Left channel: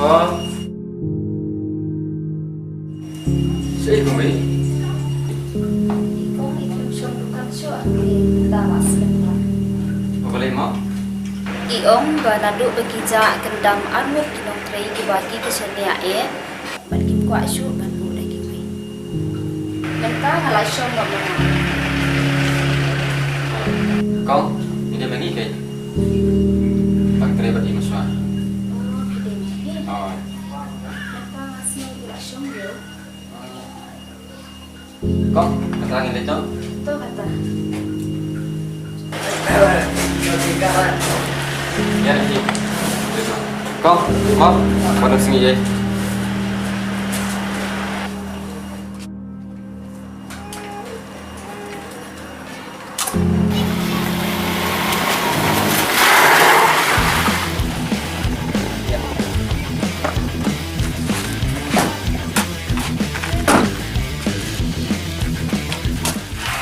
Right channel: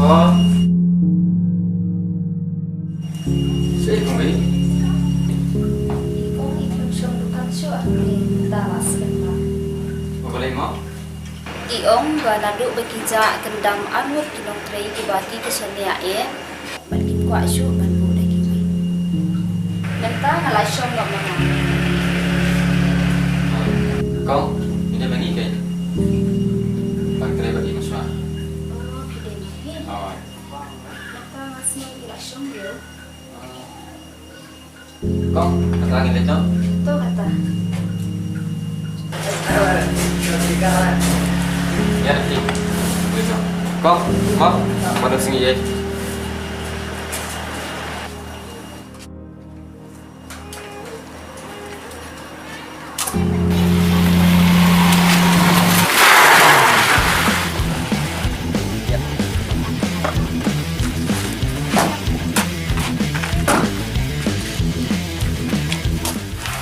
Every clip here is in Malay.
Oh. Saya kembali. Ikaw itlog lukan siya ang talas lima. Boleh mau? Iong banado bagija kendam anwar kinong tray kibaki kesenia Malkin kwa siya banbu lagi may. Lenta ngalay siya ngam mga. Kau, ini bagi ke? Bagi tray bagi masuk. Oh, pide may. Oh. Lenta ngasih ilasyon yo. Kau, keterangan itu? To kata. Ya nanti. Kau, mau? Mana sini je?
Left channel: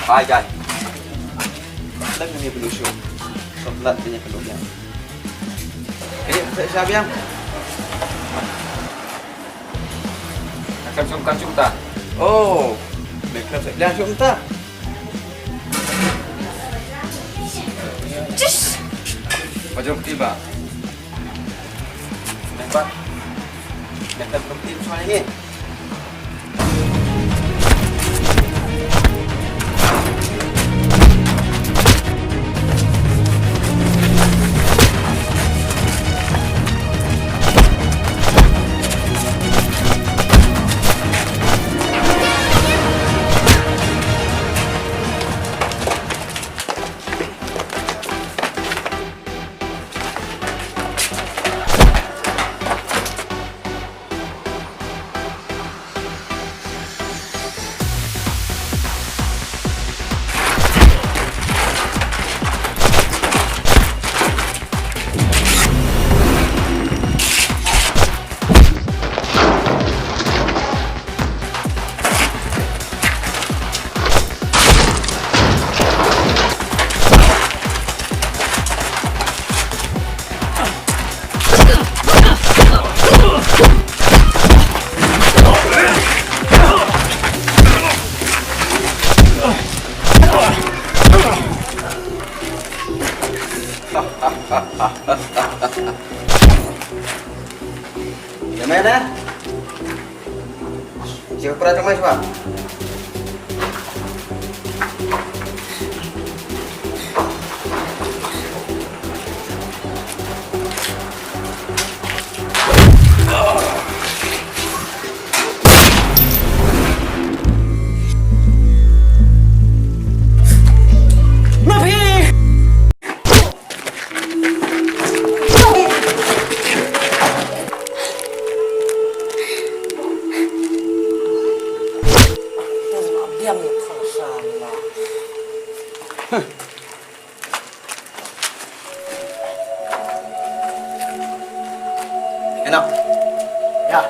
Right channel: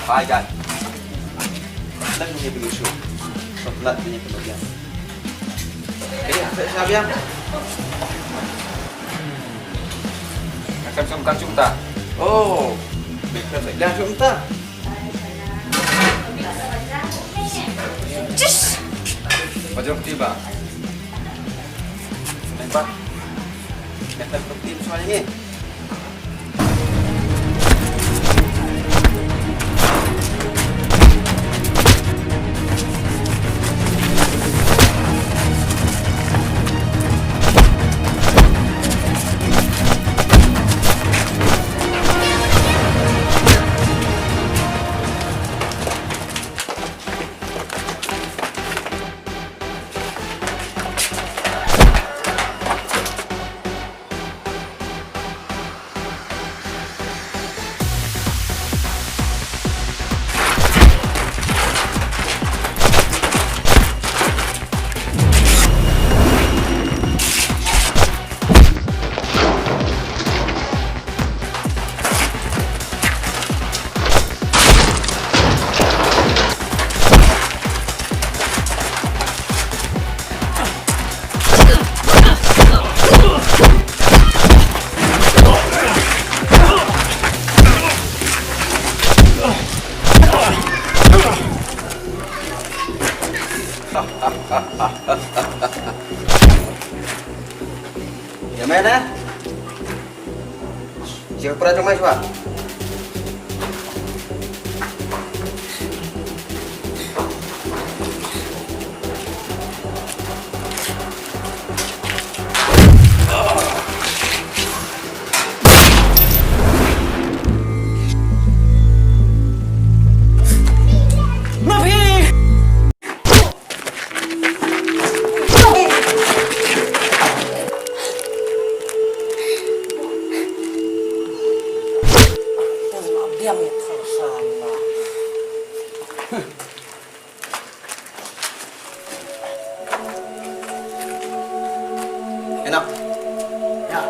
Hai guys. Lang punya pelusuk. Soklat punya keluarga. Siapa yang? Akan sungkan cumta. Oh, mereka dah cumta. Wajib tiba. Nampak? Mereka berhenti soal ini. Yang mana? Siapa pernah cuma siapa? Diam ya kalau salah. Enak. Ya.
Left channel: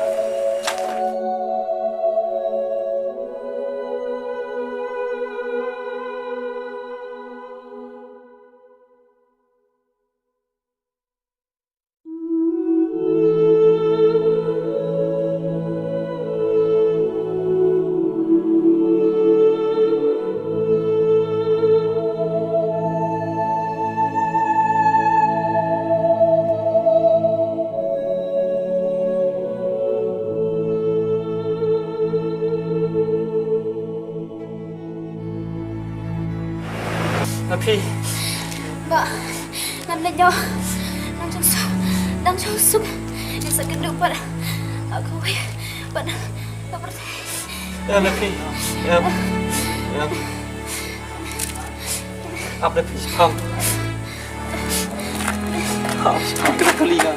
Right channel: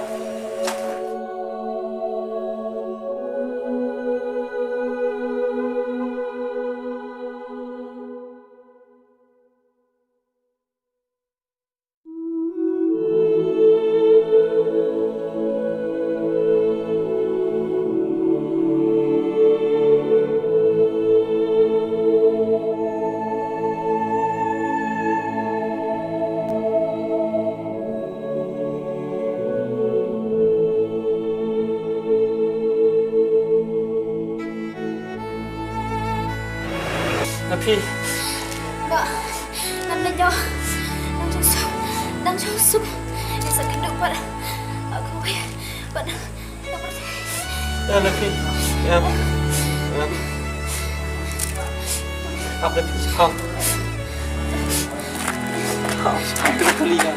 Tapi, Mbak, nanda nyo. Đang sâu súc. Em sẽ kinh được bạn. Không biết. Bạn đã berarti. Tapi, apa sih kau? Kau sudah keliga.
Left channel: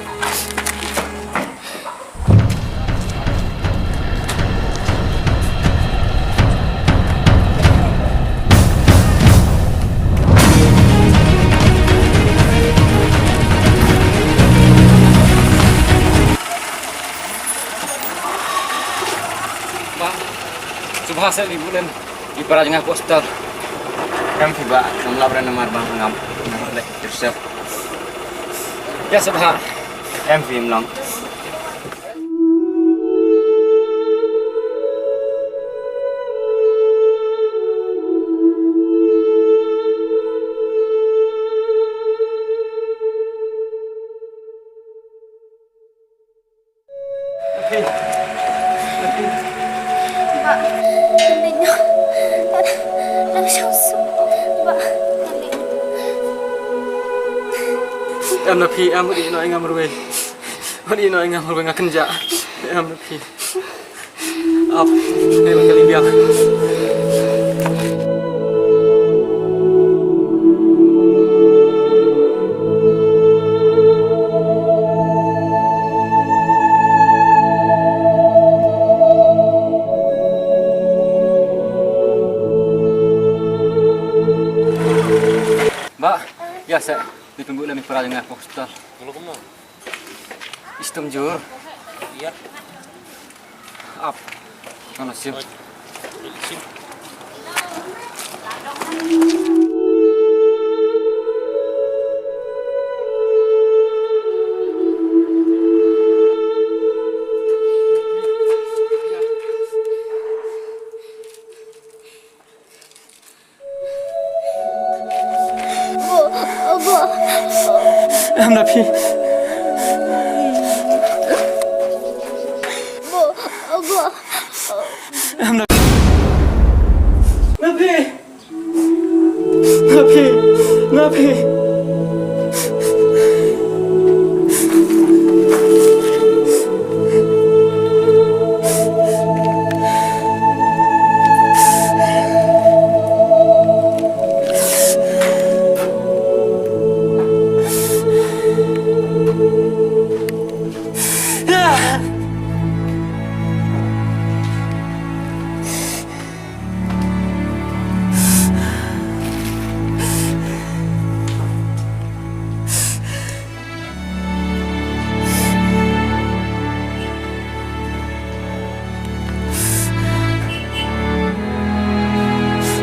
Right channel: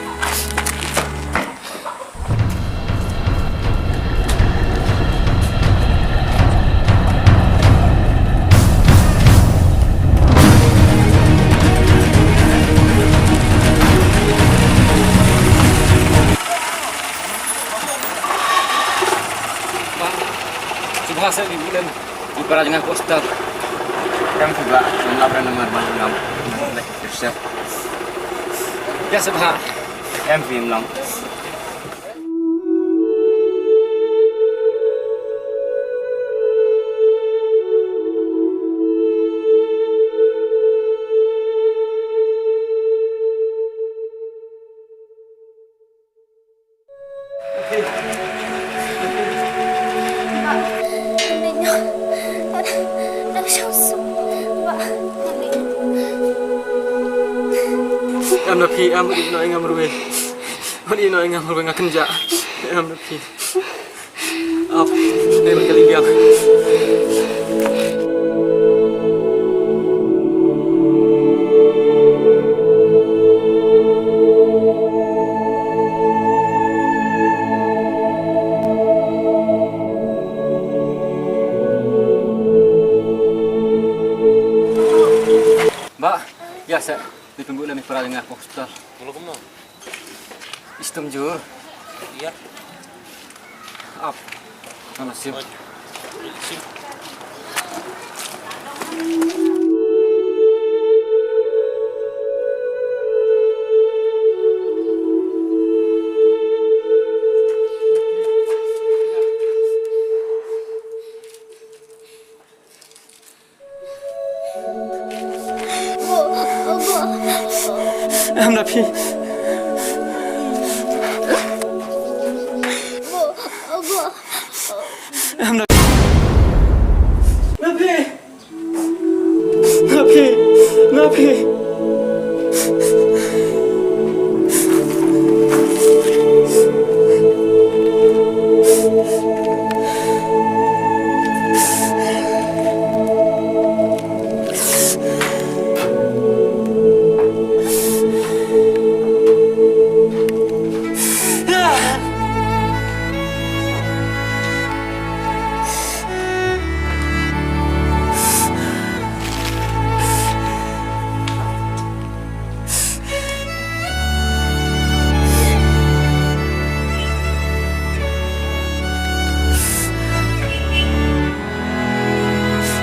Subhasa di bulan di perajingan poster. Kami tiba melakukan nomor bang siap. Ya subha. Em phim lòng. Mbak, nanti. Em là phi em đi nói em rồi. Đi nói em rồi ngã kenja. Em là phi. Up, đây là cái ly bia. Mbak, ya saya ditunggu lagi para dengan hospital. Kalau kamu Istem jur, iya, up, mana sih? sim. Em là phi. Em là Napi. Napi. Napi.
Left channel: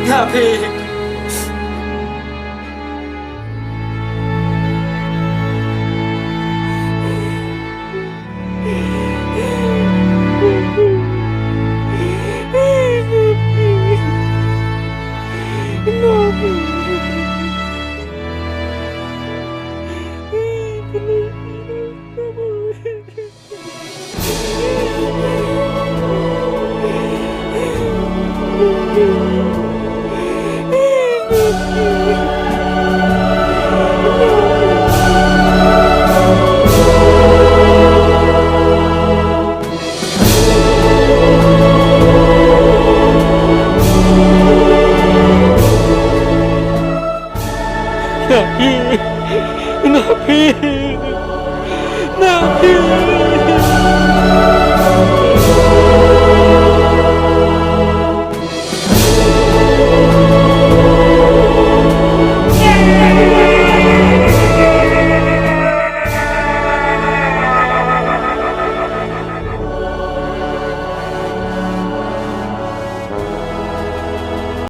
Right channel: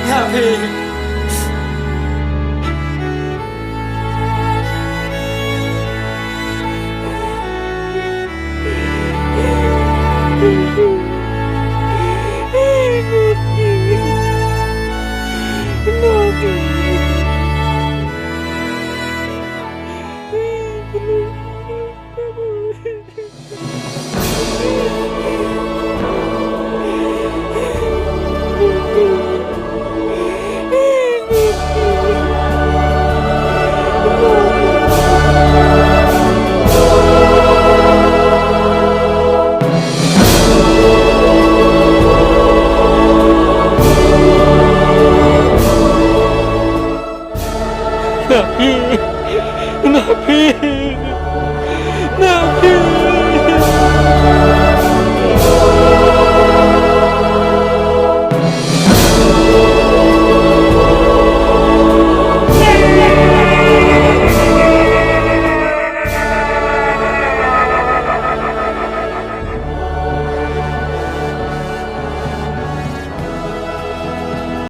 Napi. Napi. Napi. Napi.